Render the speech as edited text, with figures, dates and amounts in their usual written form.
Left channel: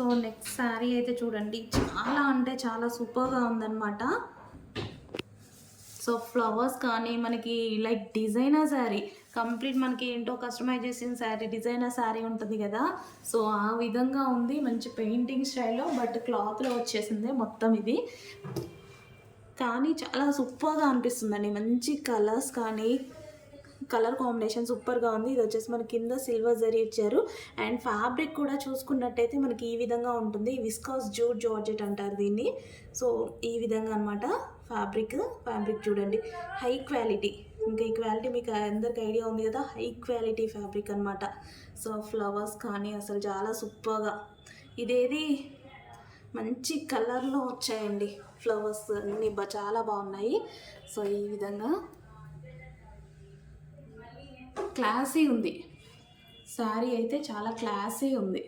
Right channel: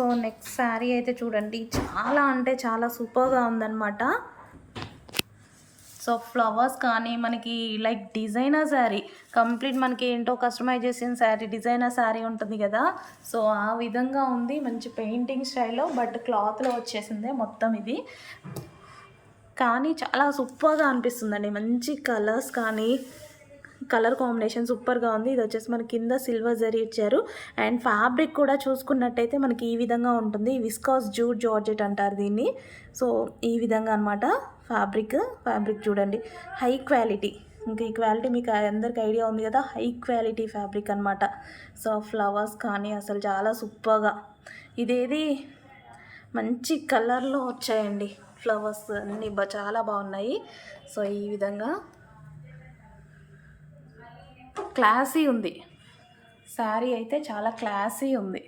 So next sari అయితే చూడండి, చాలా అంటే చాలా సూపర్గా ఉందన్నమాట. సో ఫ్లవర్స్ కానీ మనకి లైక్ డిజైనర్ శారీ, కంప్లీట్ మనకి ఏంటో కస్టమైజ్ చేసిన శారీ, డిజైనర్ శారీ ఉంటుంది కదా, సో ఆ విధంగా ఉంది. మంచి పెయింటింగ్ స్టైల్లో, బట్ క్లాత్లో వచ్చేసిందే మొత్తం ఇది. కానీ చాలా సూపర్గా అనిపిస్తుందండి. మంచి కలర్స్ కానీ కలర్ కాంబినేషన్ సూపర్గా ఉంది. ఇది వచ్చేసి మనకి కింద సిల్వర్ జరీ ఇచ్చారు. అండ్ ఫ్యాబ్రిక్ కూడా చూసుకున్నట్టయితే మనకి ఈ విధంగా ఉంటుంది. విస్కాస్ జూట్ జార్జెట్ అంటారు దీన్ని. సో ఈ విధంగా అనమాట ఫ్యాబ్రిక్ చూడండి, హై క్వాలిటీ. ఇంకా ఈ క్వాలిటీ మీకు అందరికి ఐడియా ఉంది కదా, హై క్వాలిటీ ఫ్యాబ్రిక్ అనమాట. సో ఫ్లవర్స్ కానీ అసలు చాలా సూపర్గా, ఇదేది మంచి కలర్లో వచ్చాయండి ఫ్లవర్స్ అన్నీ చాలా బాగున్నాయి. సో ఈ విధంగా క్లాసీ ఉంది శారీ, అయితే చాలా క్లాసీ ఉంది.